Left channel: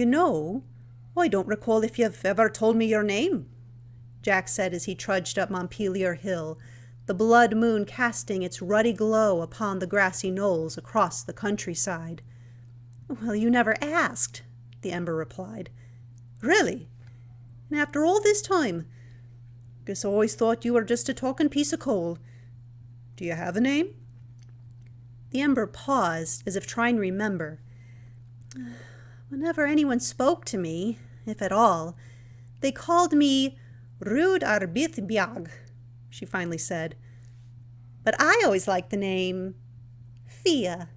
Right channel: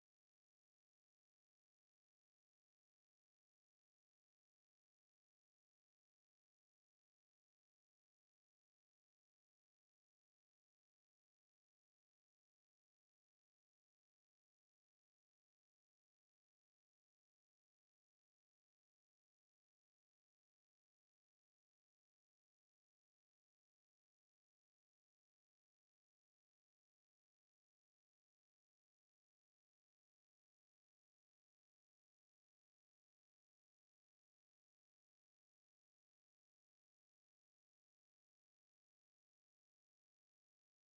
You know, I don't recall if you've ever told me your name, Jack said as he trudged up Montpelier Hill, the blood moon casting its ruddy glow upon the grassy knolls across the countryside. Well, you never asked, the Ember replied. Really? And after all this time? Guess I always thought you were just a talking piece of coal. Do you have a name? The Ember paused, as if trying to remember. Whenever anyone spoke to me, if at all, they called me Rud Arbith Biag, she finally said. But I always liked the name Fia.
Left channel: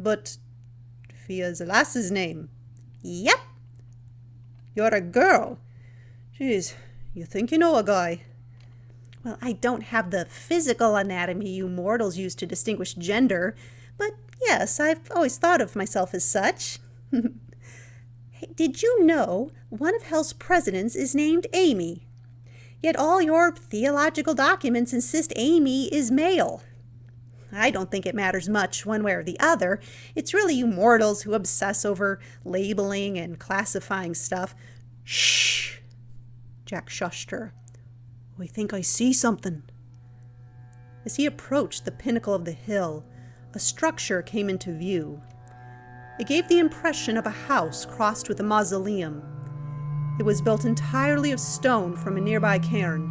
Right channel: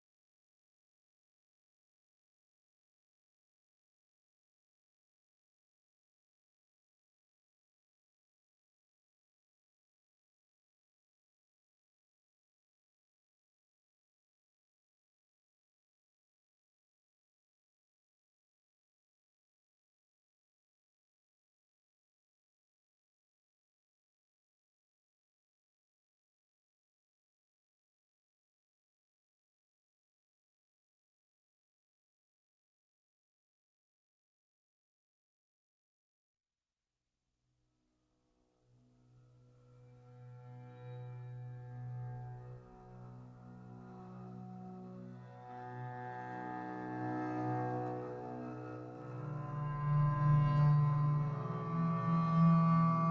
But Fia's a lass's name. Yep. You're a girl. Geez, you think you know a guy. Well, I don't have the physical anatomy you mortals use to distinguish gender, but yes, I've always thought of myself as such. Hey, did you know one of Hell's presidents is named Amy? Yet all your theological documents insist Amy is male. I don't think it matters much one way or the other. It's really you mortals who obsess over labeling and classifying stuff. Shh! Jack shushed her. I think I see something. As he approached the pinnacle of the hill, a structure came into view. It gave the impression of a house crossed with a mausoleum. It was built entirely of stone from a nearby cairn,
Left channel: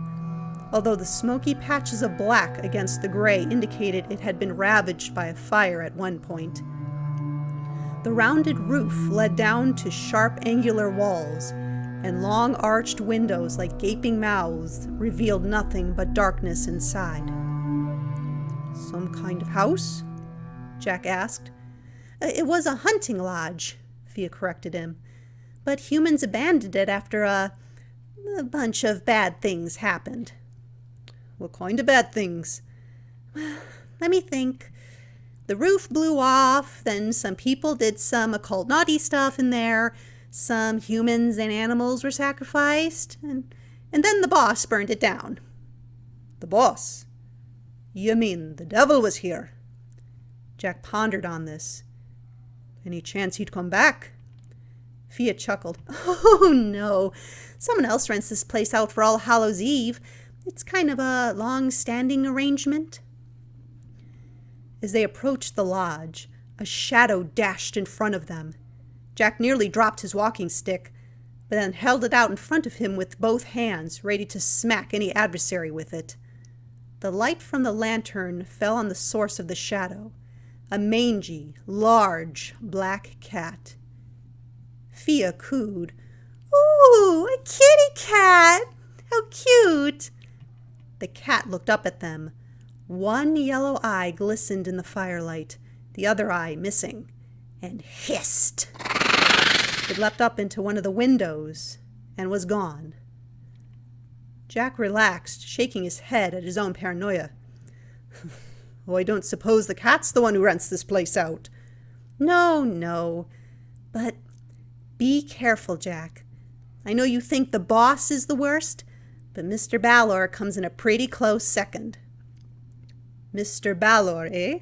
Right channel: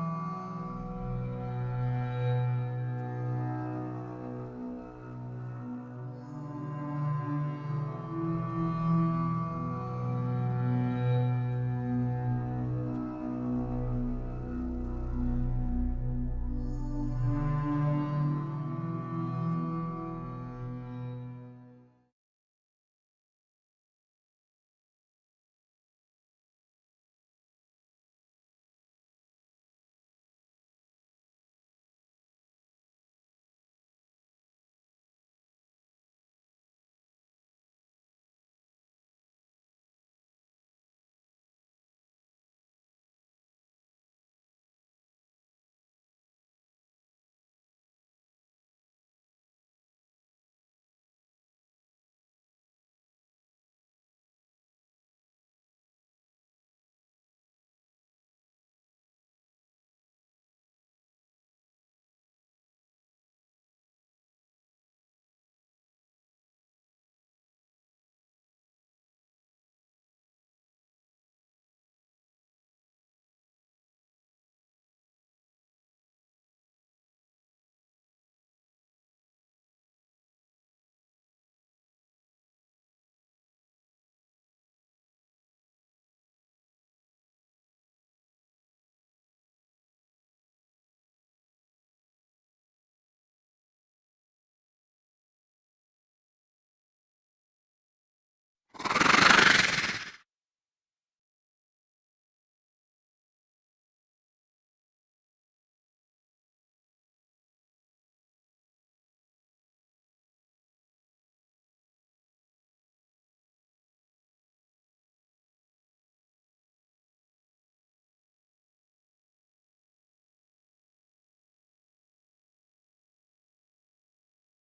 although the smoky patches of black against the gray indicated it had been ravaged by a fire at one point. The rounded roof led down to sharp angular walls, and long arched windows like gaping mouths revealed nothing but darkness inside. Some kind of house? Jack asked. It was a hunting lodge, Fia corrected him, but humans abandoned it after a bunch of bad things happened. What kind of bad things? Let me think. The roof blew off, then some people did some occult naughty stuff in there, some humans and animals were sacrificed, and then the boss burned it down. The boss? You mean the devil was here? Jack pondered on this. Any chance he'd come back? Fia chuckled. Oh, no. Someone else rents this place out for All Hallows' Eve. It's kind of a long-standing arrangement. As they approached the lodge, a shadow dashed in front of them. Jack nearly dropped his walking stick, but then held it out in front of him with both hands, ready to smack any adversary with it. The light from the lantern fell on the source of the shadow, a mangy, large, black cat. Fia cooed, "Ooh, a kitty cat! How cute!" The cat looked up at them. One yellow eye glistened in the firelight, the other eye missing, and hissed. It leapt up into one of the windows and was gone. Jack relaxed, shaking his head at his own paranoia. Oh, I don't suppose the cat's the one who rents this place out. No. But be careful, Jack. I know you think the boss is the worst, but Mr. Balor comes in a pretty close second. Mr. Balor, eh?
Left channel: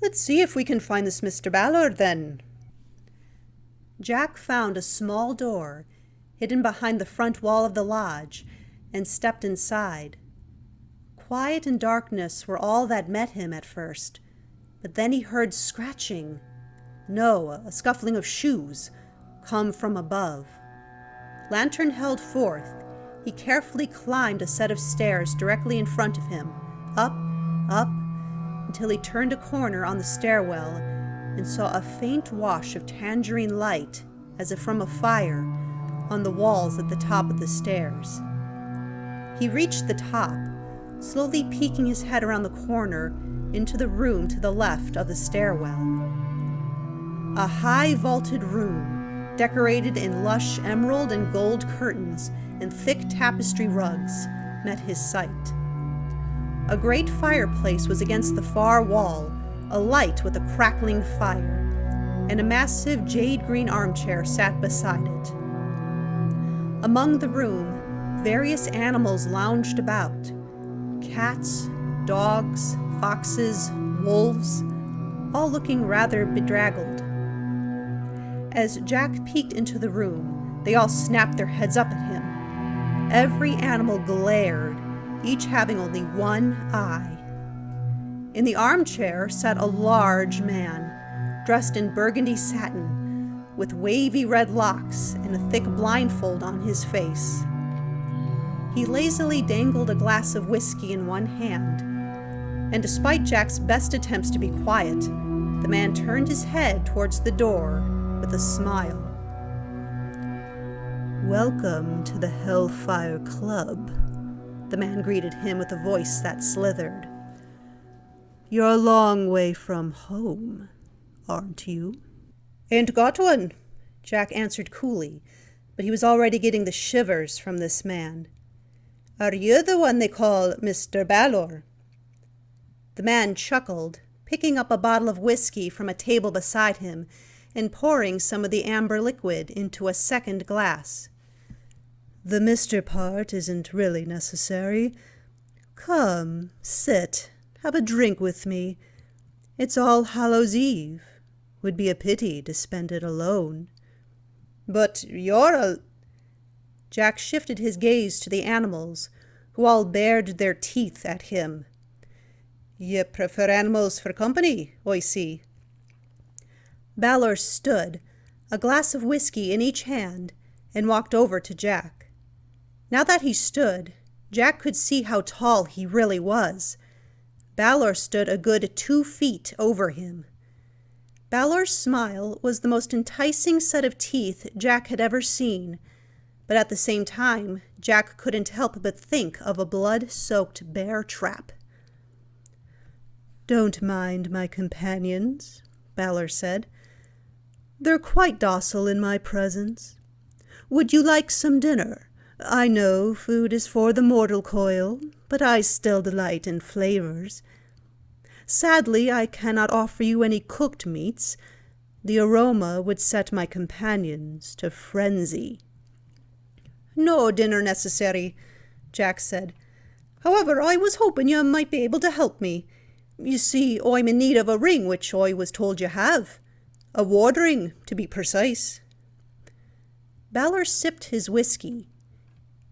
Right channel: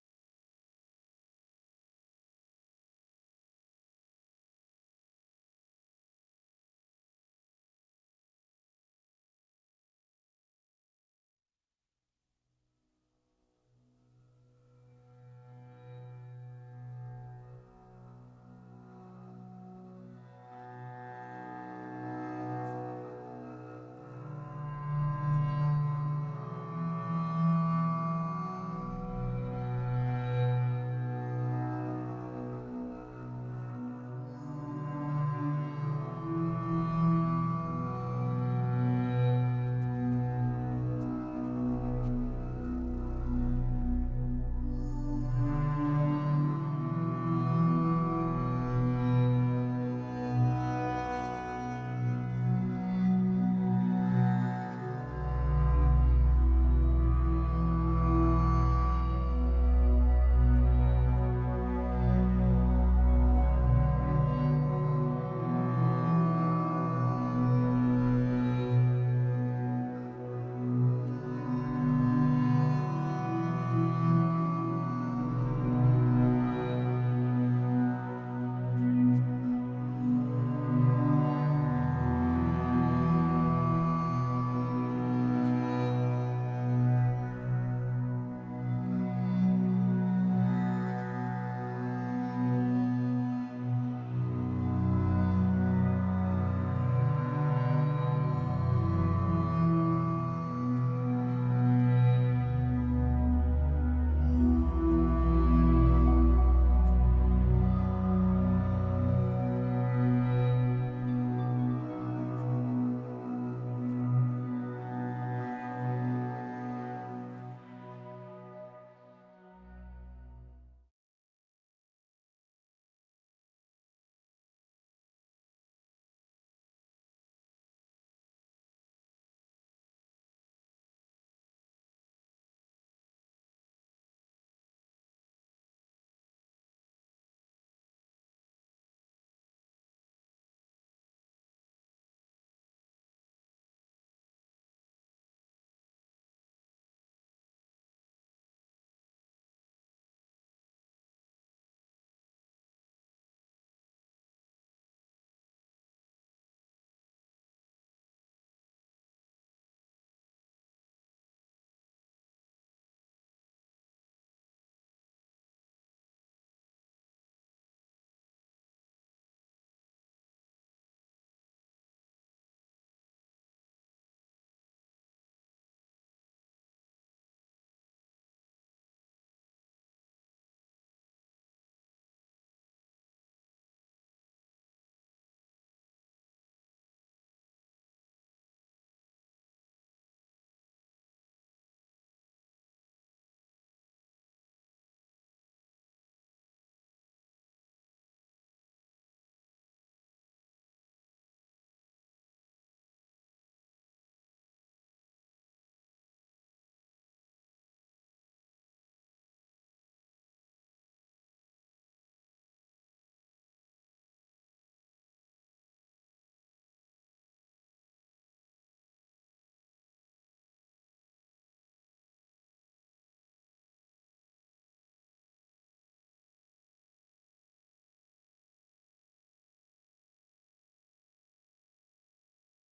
Let's see if we can find this Mr. Balor, then. Jack found a small door hidden behind the front wall of the lodge and stepped inside. Quiet and darkness were all that met him at first, but then he heard scratching. No, a scuffling of shoes, come from above. Lantern held forth, he carefully climbed a set of stairs directly in front of him, up, until he turned a corner on the stairwell and saw a faint wash of tangerine light, as if from a fire, on the walls at the top of the stairs. He reached the top, slowly peeking his head around the corner into the room to the left of the stairwell. A high vaulted room, decorated in lush emerald and gold curtains and thick tapestry rugs, met his sight. A great fireplace was against the far wall, alight with a crackling fire, and a massive jade-green armchair sat beside it. Among the room, various animals lounged about. Cats, dogs, foxes, wolves, all looking rather bedraggled. As Jack peeked into the room, they all snapped their heads up at him. Every animal glared, each having only one eye. In the armchair sat a large man, dressed in burgundy satin, with wavy red locks and a thick blindfold on his face. He lazily dangled a glass of whiskey in one hand, and despite Jack's best attempts to be quiet, the man turned his head towards the door with a smile. "Welcome to the Hellfire Club," the man greeted him with a voice that slithered. "You're a long way from home, aren't you?" "Ain't got one," Jack answered coolly, but he was already getting the shivers from this man. "Are you the one they call Mr. Balor?" The man chuckled, picking up a bottle of whiskey from a table beside him and pouring some of the amber liquid into a second glass. "The Mr. part isn't really necessary. Come, sit, have a drink with me. It's All Hallows Eve. Would be a pity to spend it alone." "But you're a—" Jack shifted his gaze to the animals, who all bared their teeth at him. "You prefer animals for company, I see." Balor stood, a glass of whiskey in each hand, and walked over to Jack. Now that he stood, Jack could see how tall he really was. Balor stood a good 2 feet over him. Balor's smile was the most enticing set of teeth Jack had ever seen, but at the same time, Jack couldn't help but think of a blood-soaked bear trap. "Don't mind my companions," Balor said. "They're quite docile in my presence. Would you like some dinner? I know food is for the mortal coil, but I still delight in flavors. Sadly, I cannot offer you any cooked meats. The aroma would set my companions to frenzy." "No dinner necessary," Jack said. "However, I was hoping you might be able to help me. You see, I'm in need of a ring which I was told you have. A ward ring, to be precise." Balor sipped his whiskey.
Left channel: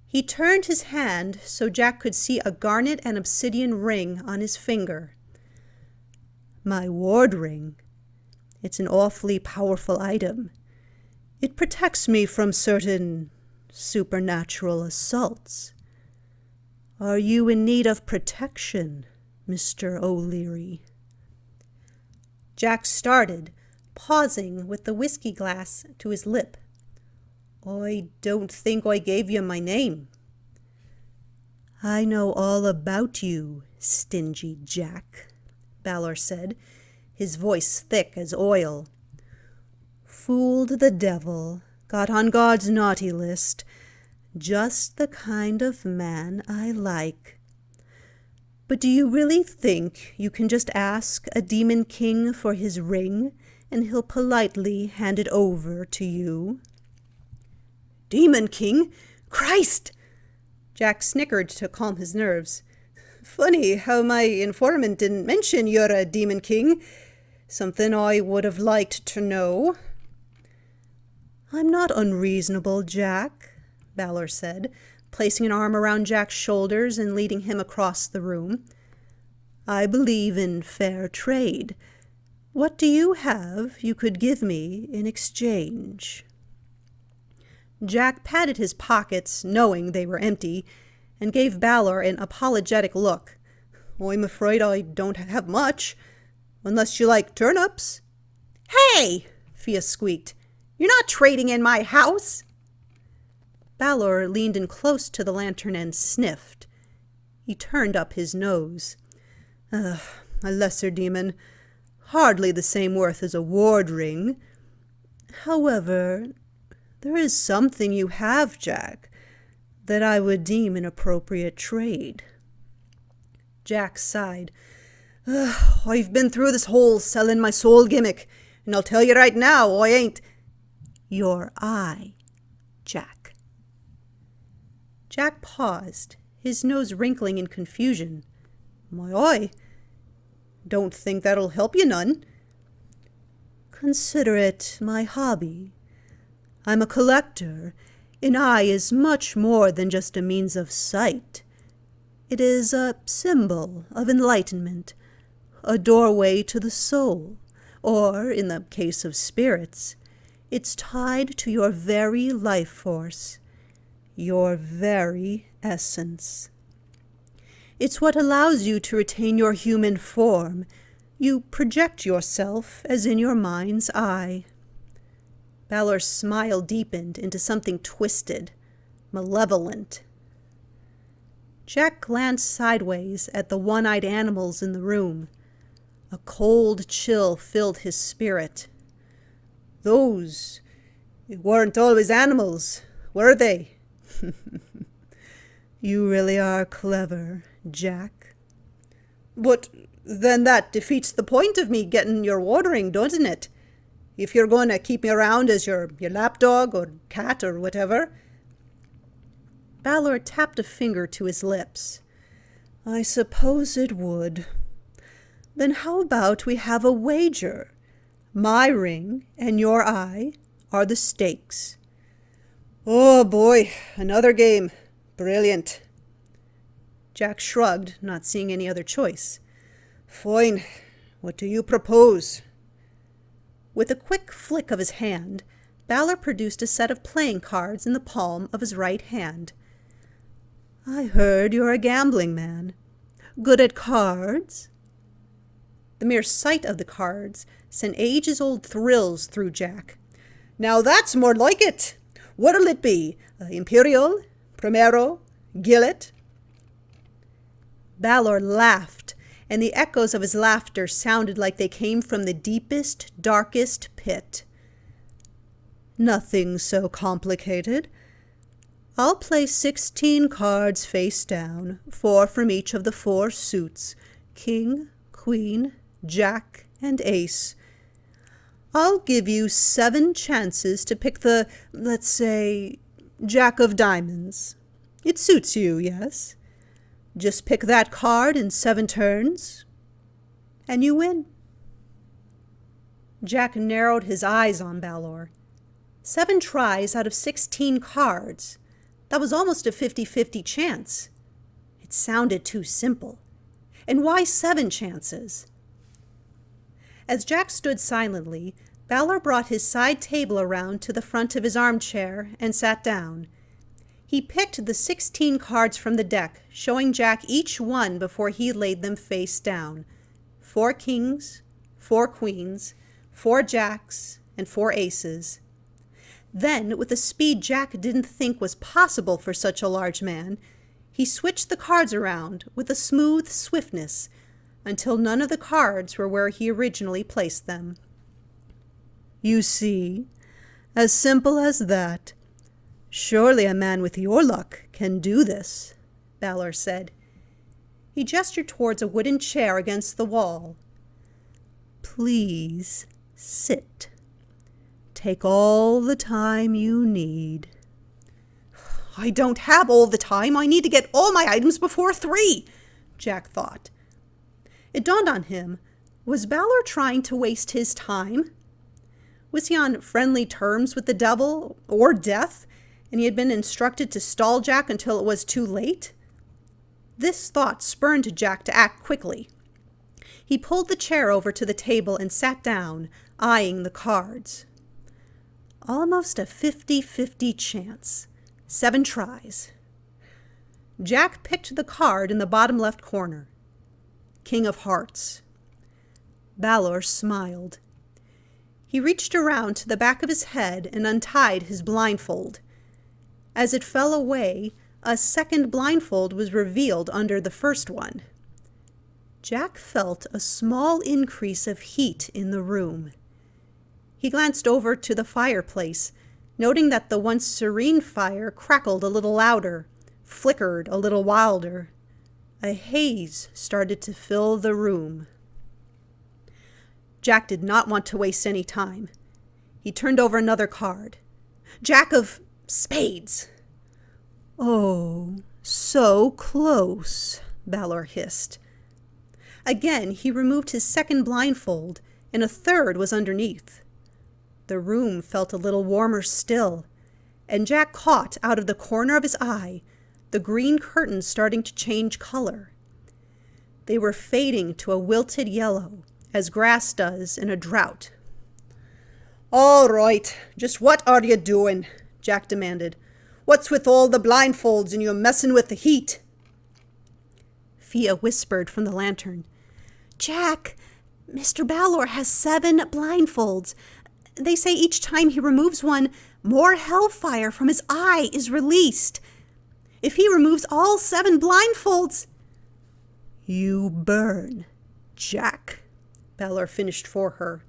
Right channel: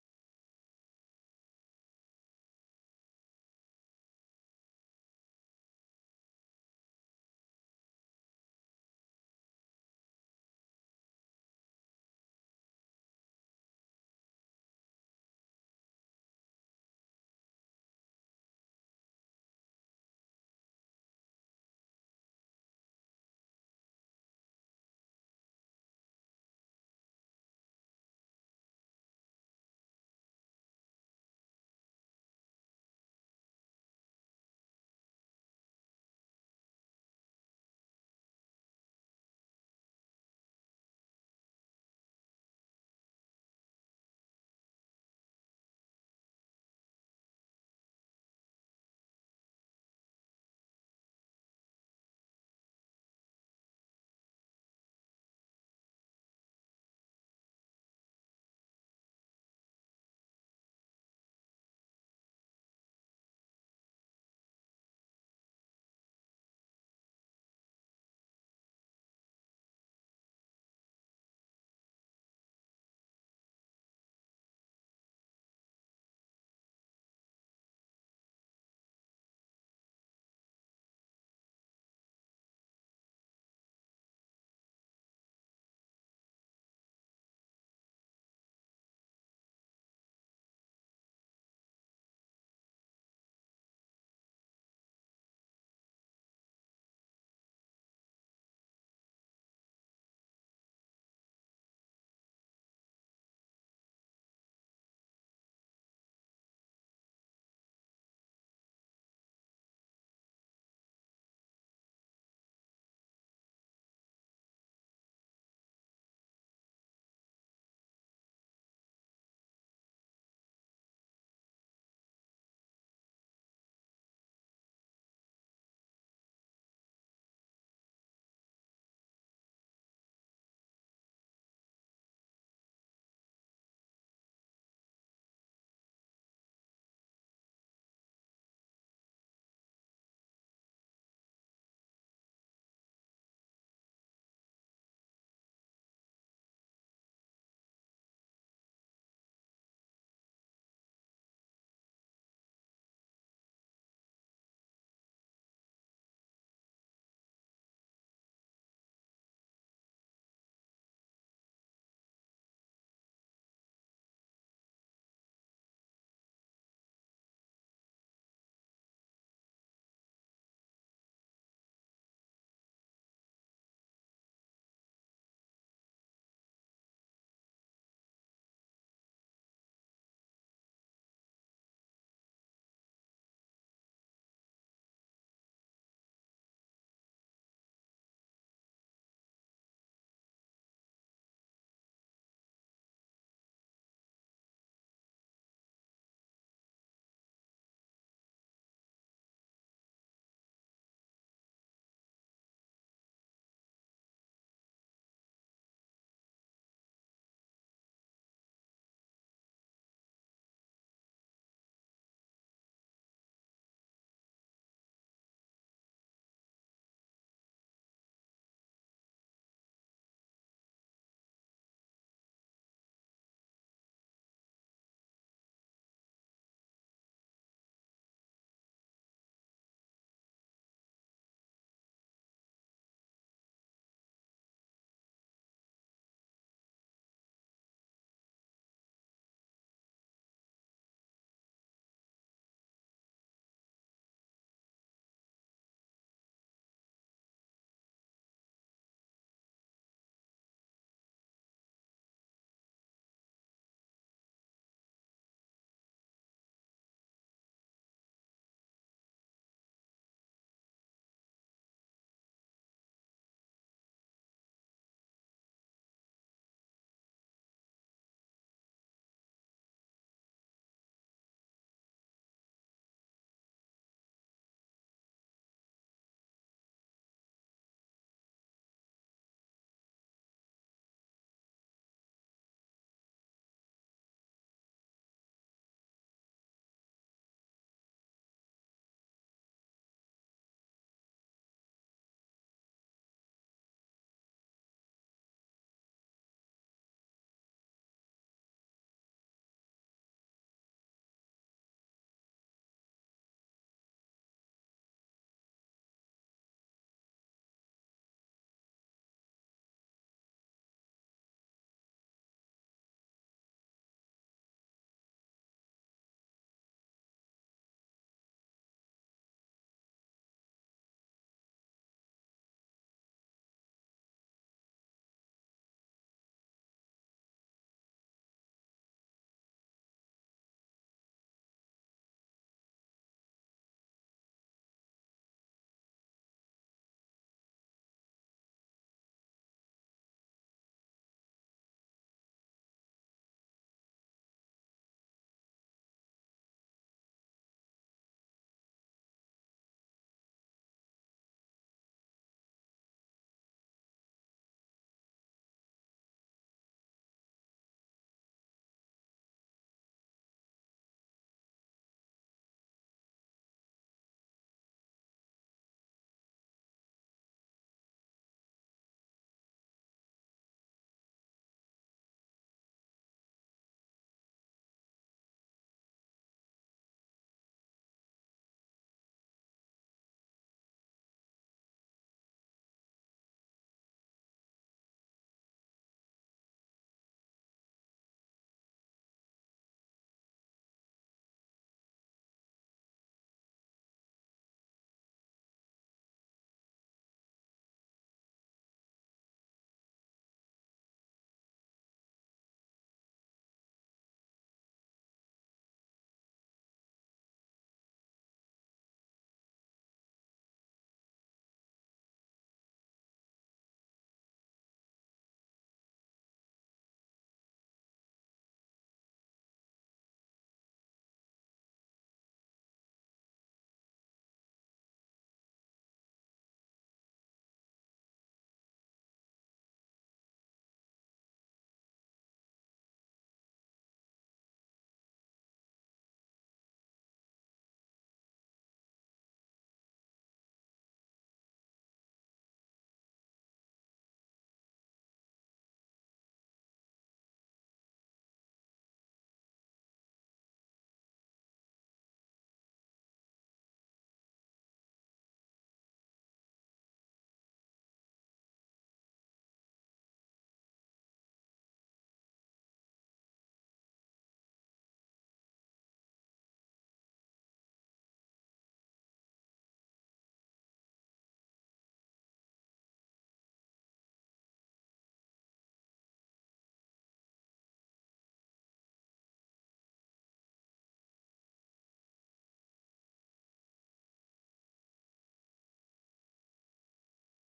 He turned his hand so Jack could see a garnet and obsidian ring on his finger. "My ward ring. It's an awfully powerful item. It protects me from certain supernatural assaults. Are you in need of protection, Mr. O'Leary?" Jack started, pausing with the whiskey glass to his lip. "I don't think I gave you my name." "I know all about you, Stingy Jack," Balor said, his voice thick as oil. "Fooled the devil, got on God's naughty list. Just the kind of man I like. But do you really think you can just ask a demon king for his ring, and he'll politely hand it over to you?" "Demon king? Christ!" Jack snickered to calm his nerves. "Funny how my informant didn't mention you're a demon king. Something I would have liked to know." "I'm not unreasonable, Jack," Balor said, placing an arm around Jack's shoulders and leading him across the room. "I believe in fair trade. What do you have you could give me in exchange?" Jack patted his pockets, knowing they were empty, and gave Balor an apologetic look. "I'm afraid I don't have much, unless you like turnips." "Hey!" Fia squeaked. "You're not trading in my house." Balor leaned in close to the lantern and sniffed. He turned up his nose. "A lesser demon. Hardly the same worth as a ward ring. However, there is something you have, Jack, that I would deem an appropriate trade." Jack sighed. "I've been through this whole selling my soul gimmick, and I'll tell you right now, I ain't—" "Your eye, Jack." Jack paused, his nose wrinkling in confusion. "My eye? Don't think that'll help you none." Consider it my hobby. I'm a collector. An eye is much more than just a means of sight. It is a symbol of enlightenment, a doorway to the soul, or, in the case of spirits, it's tied to your very life force, your very essence. It's what allows you to retain your human form. You project yourself as in your mind's eye. Balor's smile deepened into something twisted, malevolent. Jack glanced sideways at the one-eyed animals in the room. A cold chill filled his spirit. Those weren't always animals, were they? You really are clever, Jack. But then that defeats the point of me getting your watering, doesn't it? If you're going to keep me around as your lapdog or cat or whatever. Balor tapped a finger to his lips. I suppose it would. Then how about we have a wager? My ring and your eye are the stakes. Oh boy, another game. Brilliant. Jack shrugged, not seeing any other choice. Fine. What do you propose? With a quick flick of his hand, Balor produced a set of playing cards in the palm of his right hand. I heard you're a gambling man. Good at cards? The mere sight of the cards sent ages-old thrills through Jack. Now that's more like it. What'll it be? Imperial? Primero? Gillet? Balor laughed, and the echoes of his laughter sounded like they came from the deepest, darkest pit. Nothing so complicated. I'll play 16 cards face down, 4 from each of the 4 suits, king, queen, jack, and ace. I'll give you 7 chances to pick the, let's say, jack of diamonds. It suits you, yes? Just pick that card in 7 turns, and you win. Jack narrowed his eyes on Balor. 7 tries out of 16 cards. That was almost a 50-50 chance. It sounded too simple. And why 7 chances? As Jack stood silently, Balor brought his side table around to the front of his armchair and sat down. He picked the 16 cards from the deck, showing Jack each one before he laid them face down. 4 kings, 4 queens, 4 jacks, and 4 aces. Then, with a speed Jack didn't think was possible for such a large man, he switched the cards around with a smooth swiftness until none of the cards were where he originally placed them. You see, as simple as that. Surely a man with your luck can do this, Balor said. He gestured towards a wooden chair against the wall. Please sit. Take all the time you need. I don't have all the time. I need to get all my items before 3, Jack thought. It dawned on him. Was Balor trying to waste his time? Was he on friendly terms with the devil or death, and he had been instructed to stall Jack until it was too late? This thought spurred Jack to act quickly. He pulled the chair over to the table and sat down, eyeing the cards. Almost a 50-50 chance. 7 tries. Jack picked the card in the bottom left corner. King of Hearts. Balor smiled. He reached around to the back of his head and untied his blindfold. As it fell away, a second blindfold was revealed under the first one. Jack felt a small increase of heat in the room. He glanced over to the fireplace, noting that the once serene fire crackled a little louder, flickered a little wilder. A haze started to fill the room. Jack did not want to waste any time. He turned over another card. Jack of spades. Oh, so close, Balor hissed. Again, he removed his second blindfold, and a third was underneath. The room felt a little warmer still, and Jack caught out of the corner of his eye the green curtains starting to change color. They were fading to a wilted yellow, as grass does in a drought. "All right, just what are you doing?" Jack demanded. "What's with all the blindfolds and you messing with the heat?" Fia whispered from the lantern. "Jack, Mr. Balor has 7 blindfolds. They say each time he removes one, more hellfire from his eye is released. If he removes all 7 blindfolds—" "You burn, Jack," Balor finished for her.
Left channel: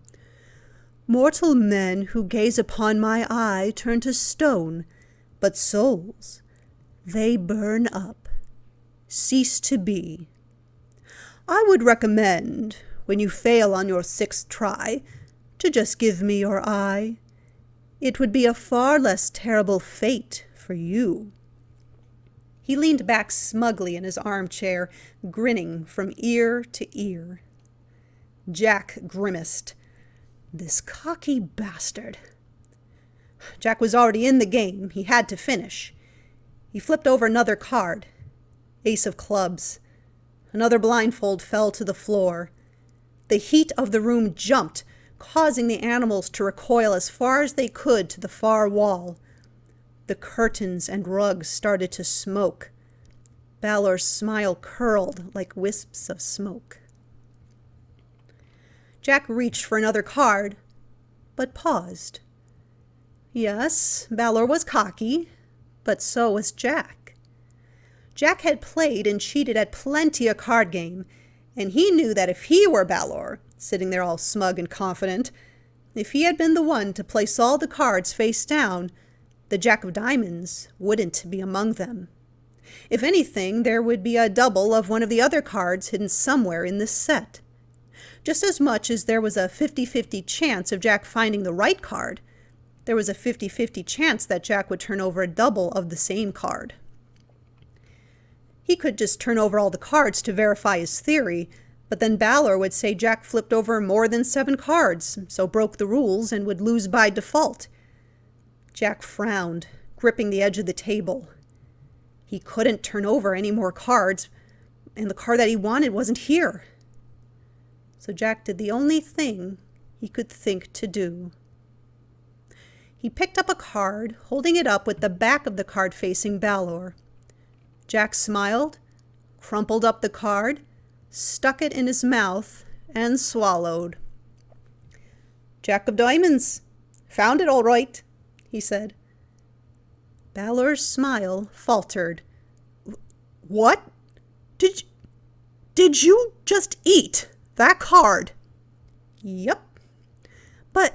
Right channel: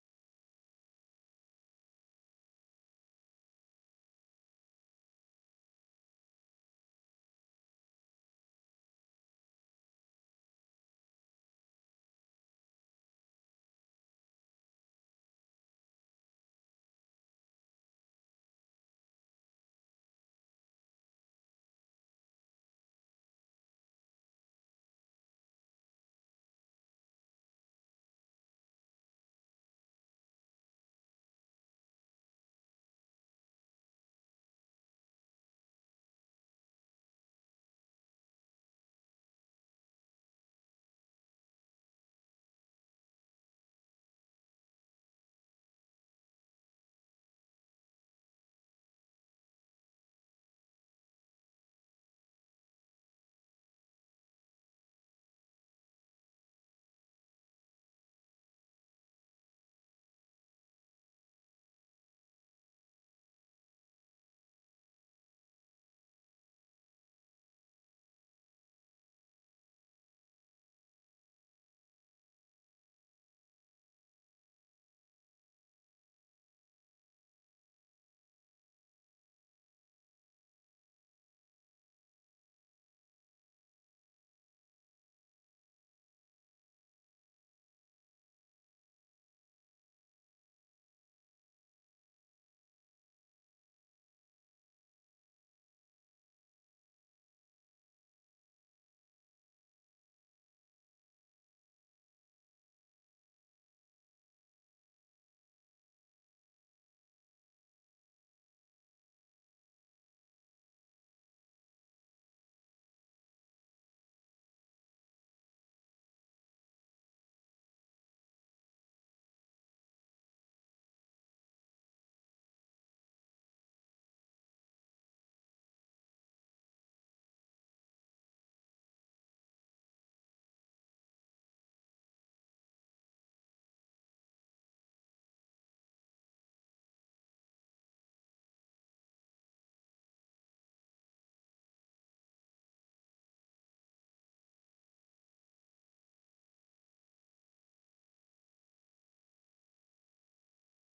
"Mortal men who gaze upon my eye turn to stone, but souls, they burn up, cease to be. I would recommend, when you fail on your 6th try, to just give me your eye. It would be a far less terrible fate for you." He leaned back smugly in his armchair, grinning from ear to ear. Jack grimaced. This cocky bastard. Jack was already in the game. He had to finish. He flipped over another card. Ace of clubs. Another blindfold fell to the floor. The heat of the room jumped, causing the animals to recoil as far as they could to the far wall. The curtains and rugs started to smoke. Balor's smile curled like wisps of smoke. Jack reached for another card, but paused. Yes, Balor was cocky, but so was Jack. Jack had played and cheated at plenty a card game, and he knew that if he were Balor, sitting there all smug and confident, if he had been the one to place all the cards face down, the Jack of Diamonds wouldn't be among them. If anything, there would be a double of one of the other cards hidden somewhere in this set. Just as much as there was a 50-50 chance of Jack finding the right card, there was a 50-50 chance that Jack would turn over a double of the same card. He could just turn over all the cards to verify his theory, but then Balor would say Jack flipped over more than 7 cards, so broke the rules and would lose by default. Jack frowned, gripping the edge of the table. He couldn't turn over any more cards, and the card that he wanted wasn't here. So Jack did the only thing he could think to do. He picked up a card, holding it up with the back of the card facing Balor. Jack smiled, crumpled up the card, stuck it in his mouth, and swallowed. "Jack of Diamonds. Found it all right," he said. Balor's smile faltered. "What? Did you just eat that card?" "Yep. But..."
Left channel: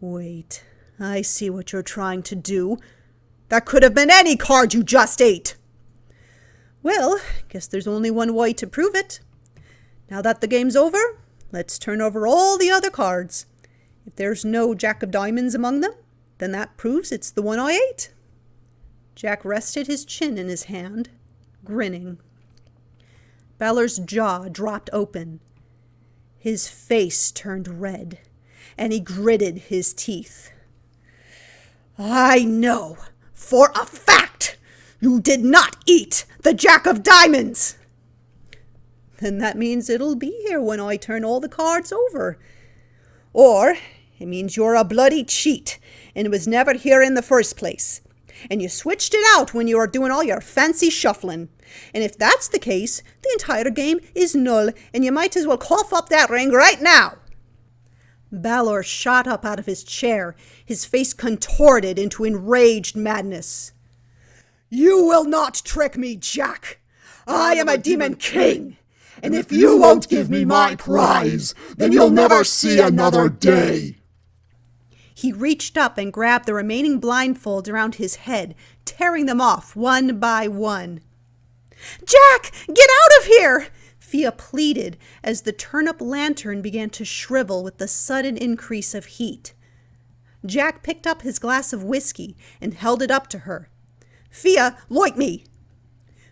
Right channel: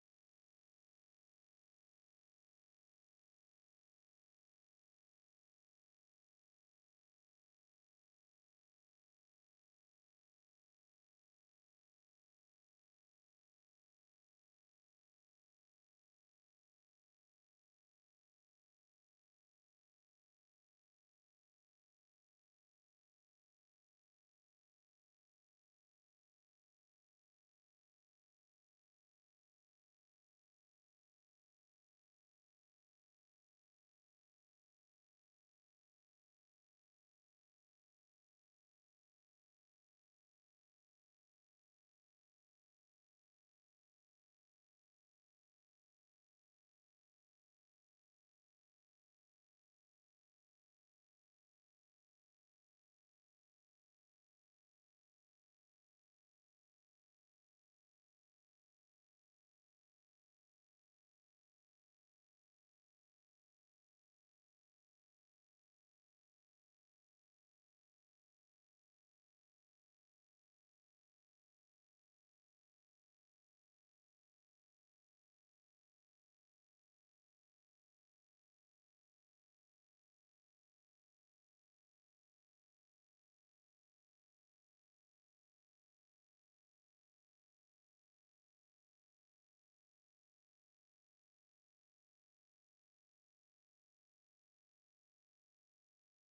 "Wait, I see what you're trying to do. That could have been any card you just ate." "Well, guess there's only one way to prove it. Now that the game's over, let's turn over all the other cards. If there's no Jack of Diamonds among them, then that proves it's the one I ate." Jack rested his chin in his hand, grinning. Balor's jaw dropped open. His face turned red, and he gritted his teeth. "I know for a fact you did not eat the Jack of Diamonds." "Then that means it'll be here when I turn all the cards over. Or it means you're a bloody cheat and it was never here in the first place. And you switched it out when you were doing all your fancy shuffling. And if that's the case, the entire game is null and you might as well cough up that ring right now." Balor shot up out of his chair, his face contorted into enraged madness. "You will not trick me, Jack. I am a demon king. And if you won't give me my prize, then you'll never see another day." He reached up and grabbed the remaining blindfolds around his head, tearing them off one by one. "Jack, get out of here!" Fia pleaded as the turnip lantern began to shrivel with the sudden increase of heat. Jack picked up his glass of whiskey and held it up to her. "Fia, light me!"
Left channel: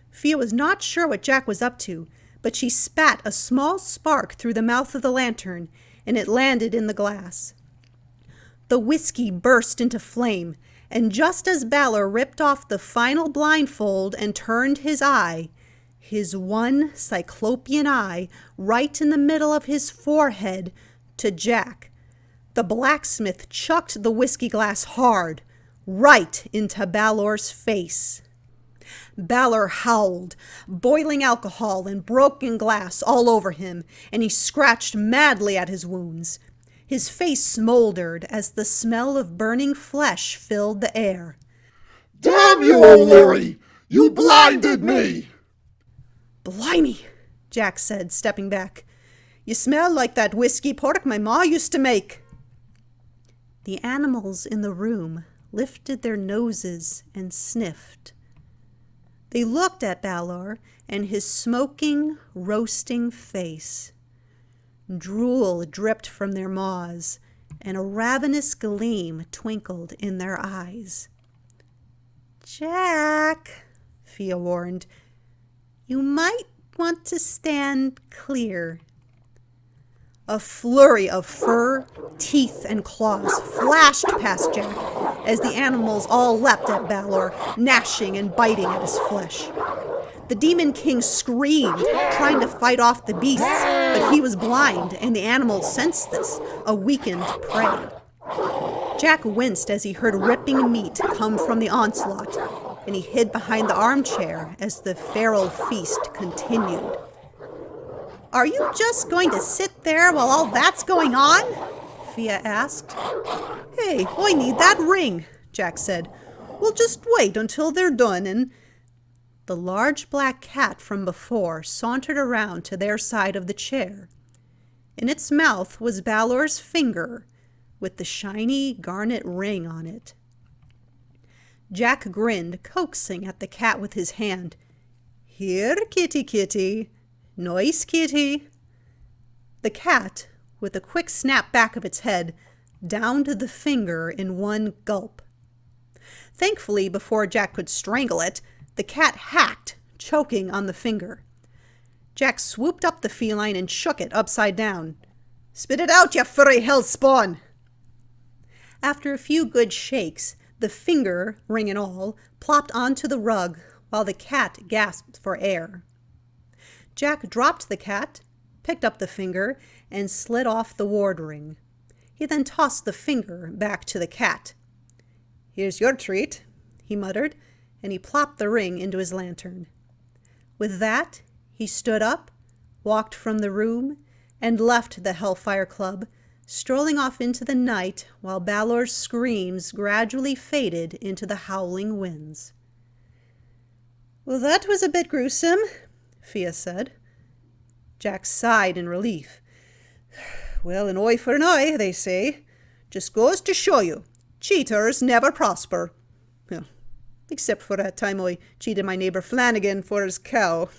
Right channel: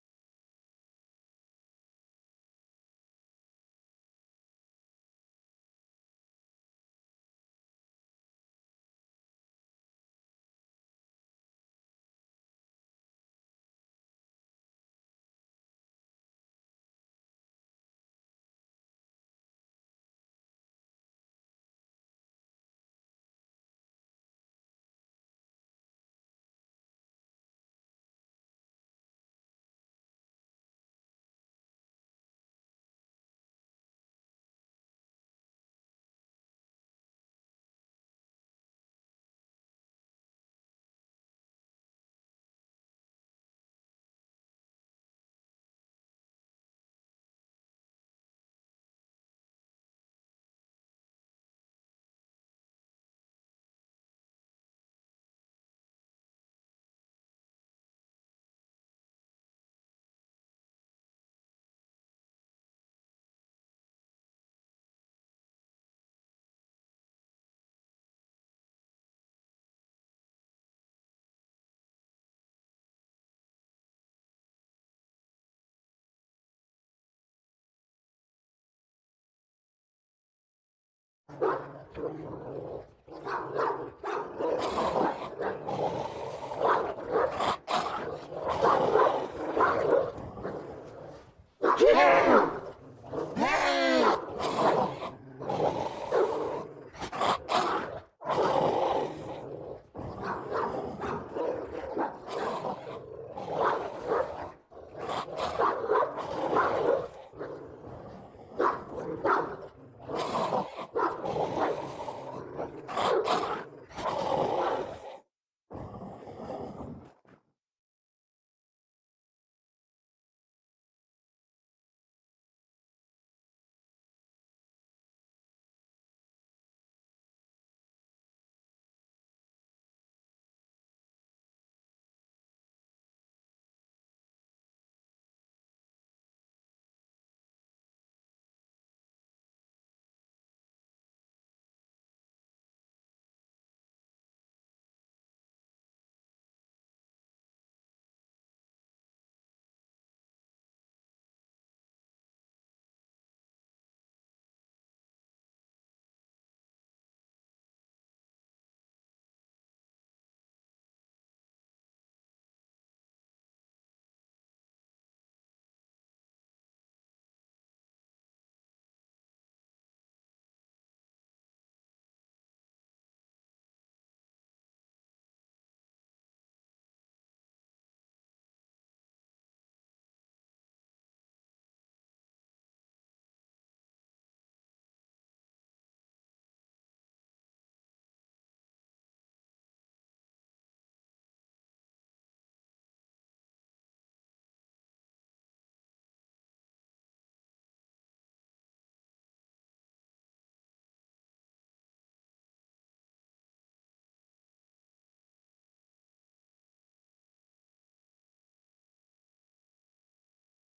Fia was not sure what Jack was up to, but she spat a small spark through the mouth of the lantern, and it landed in the glass. The whiskey burst into flame, and just as Balor ripped off the final blindfold and turned his eye, his one cyclopean eye right in the middle of his forehead, to Jack, the blacksmith chucked the whiskey glass hard, right into Balor's face. Balor howled, boiling alcohol and broken glass all over him, and he scratched madly at his wounds. His face smoldered as the smell of burning flesh filled the air. "Damn you, O'Leary! You blinded me!" "Blimey," Jack said, stepping back. "You smell like that whiskey pork my ma used to make." The animals in the room lifted their noses and sniffed. They looked at Balor and his smoking, roasting face. Drool dripped from their maws, and a ravenous gleam twinkled in their eyes. "Jack," Fia warned, "you might want to stand clear." A flurry of fur, teeth, and claws flashed past Jack as the animals all leapt at Balor, gnashing and biting at his flesh. The Demon King screamed, trying to fight off the beasts, but he was blind, and the animals sensed this, a weakened prey. Jack winced as he heard ripping meat come from the onslaught, and he hid behind the armchair as the feral feast continued. "Are you just going to sit there while all that's going on?" Fia asked. "Hey, I need that ring," Jack said. "We'll just wait until they're done and—" The large black cat from before sauntered around to their side of the chair. In its mouth was Balor's finger, with the shiny garnet ring on it. Jack grinned, coaxing at the cat with his hand. "Here, kitty, kitty. Nice kitty." The cat, with a quick snap back of its head, downed the finger in one gulp. Thankfully, before Jack could strangle it, the cat hacked, choking on the finger. Jack swooped up the feline and shook it upside down. "Spit it out, you furry hell spawn!" After a few good shakes, the finger, ring and all, plopped onto the rug while the cat gasped for air. Jack dropped the cat, picked up the finger, and slid off the ward ring. He then tossed the finger back to the cat. "Here's your treat," he muttered, and he plopped the ring into his lantern. With that, he stood up, walked from the room, and left the Hellfire Club, strolling off into the night while Balor's screams gradually faded into the howling winds. "Well, that was a bit gruesome," Fia said. Jack sighed in relief. "Well, an eye for an eye, they say. Just goes to show you, cheaters never prosper. Well, except for that time I cheated my neighbor Flanagan for his cow."